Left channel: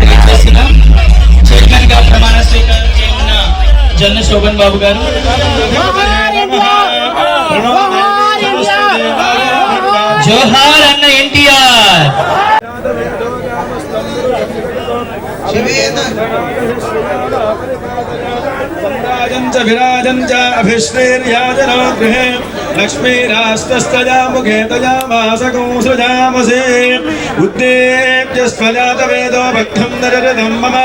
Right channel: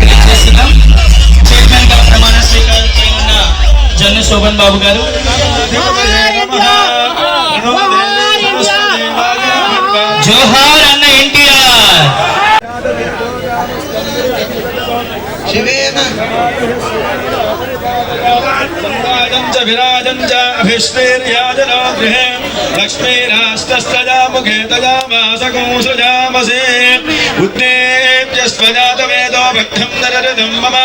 తెలియజేసిన చైర్మన్ గా ప్రమాణ స్వీకారం జన్ను శోభన్ బాబు గారు జోహార్ అన్న ఎన్టీఆర్ विराजं च मुखे तजामासकं సుందరదం మమ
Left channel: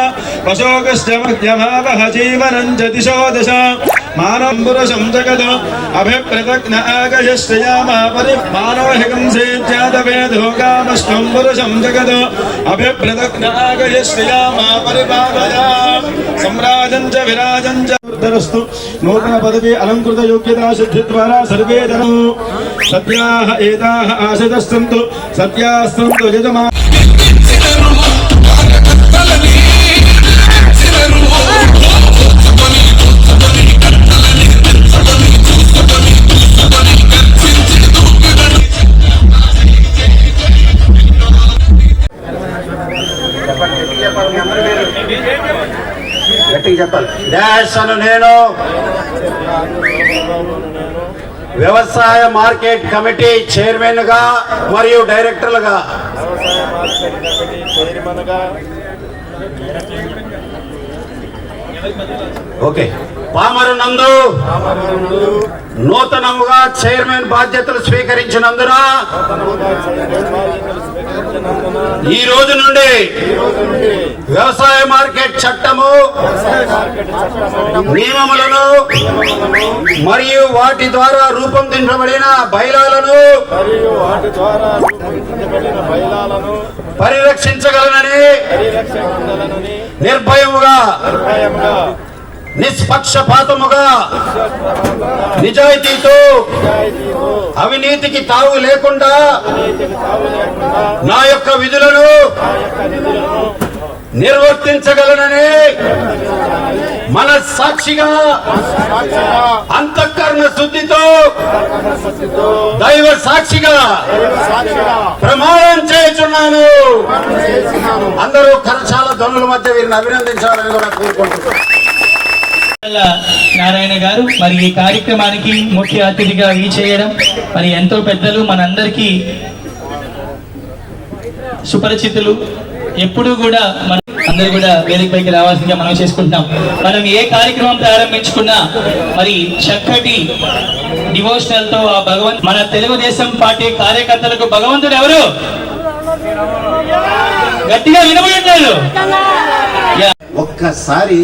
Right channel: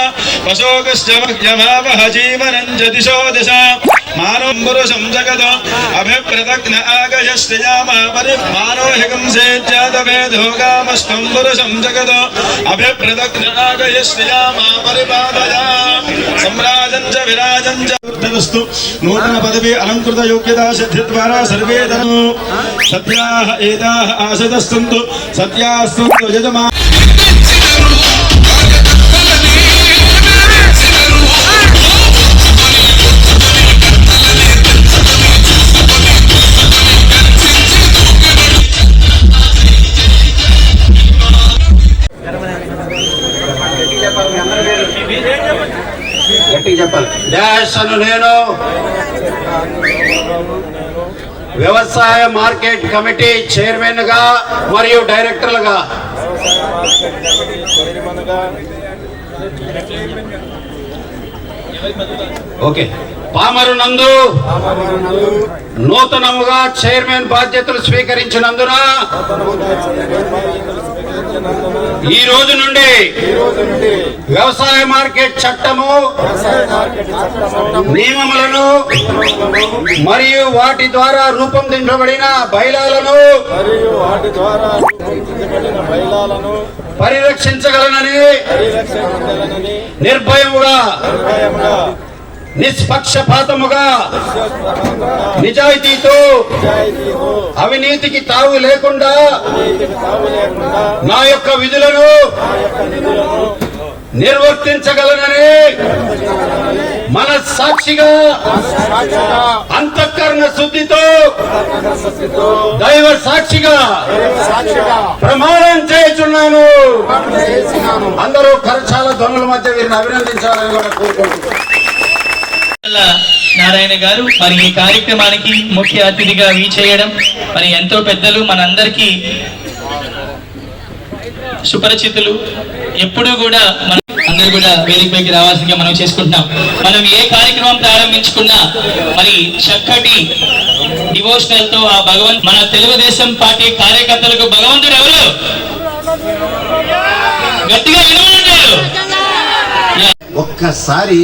వశోకశ్చమావహ జీవనం చ దిశో దశ మానవపురుషం పురుషం జగదో అభిప్రదగ్న ఆగయశ్రయామా చ విరాజం చ నూతన పదవి అలంకృత యోగ్యతా సిద్ధి ద్వారా సర్వే ధనో సత్యాహ ఏతాహ ఆశితస్సంతు సత్యాస్సంతు యజమా గట్టిగా చెప్పాలి. నేను. వ్యవసాయ మార్కెట్ కమిటీ చైర్మన్గా మరియు డైరెక్టర్లుగా. ఓకే. పామరు నందు నూతనముగా చైర్మన్ బాధ్యతలు స్వీకరించినందున ఈ రోజు నుండి వ్యవసాయ మార్కెట్ చట్టము నియమములను మరియు వాటి ద్వారా రూపొందించబడిన పరిరక్షించగలనని పరిరక్షించగలనని నిర్భయముగా నిష్పక్షపాతముగా నిజాయితీతో అవినీతికి తావు లేకుండా నా యొక్క విధులను నిర్వర్తించగలనని మన సాక్షిగా అంతఃకరణ శుద్ధితో దైవ సాక్షిగా ప్రమాణం చేస్తున్నాను. అందరూ కరచాల దొంగల మధ్య వీరిని అభినందించాలని కూడా కోరుకుంటున్నాను. నారాయణ గారు మరి ఈ కార్యక్రమానికి ముఖ్య అతిథిగా ఈ చేయడం మరి ఎంతో పెద్దలు మనందరికీ సుపరిచితులు. ఎప్పుడూ కూడా మన అందరూ కూడా వేదికపైకి రావాల్సిందిగా మనం చేసుకుంటున్నాం. మనం ఏ కార్యక్రమం ప్రారంభించుకున్నా మరి చక్కటి డివోషనల్తో ఆ భగవంత్ మన తెలుగుదేశం పార్టీ కార్యకర్తలకు భగవంతుడు ఎవరు? గట్టిగా వినబడుంటారు ఒక్కసారి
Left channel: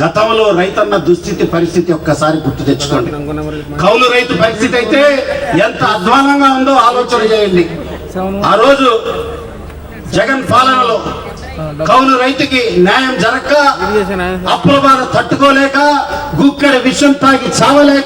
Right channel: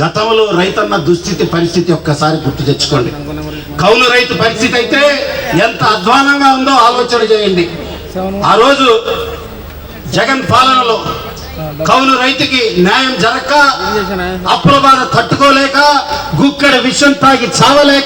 గతంలో రైతన్న దుస్థితి పరిస్థితి ఒక్కసారి గుర్తు తెచ్చుకోండి. కౌలు రైతు పరిస్థితి అయితే ఎంత అధ్వానంగా ఉందో ఆలోచన చేయండి. ఆ రోజు జగన్ పాలనలో కౌలు రైతుకి న్యాయం జరగక అప్పుల బాధ తట్టుకోలేక గుక్కడి విషం తాగి చావలేక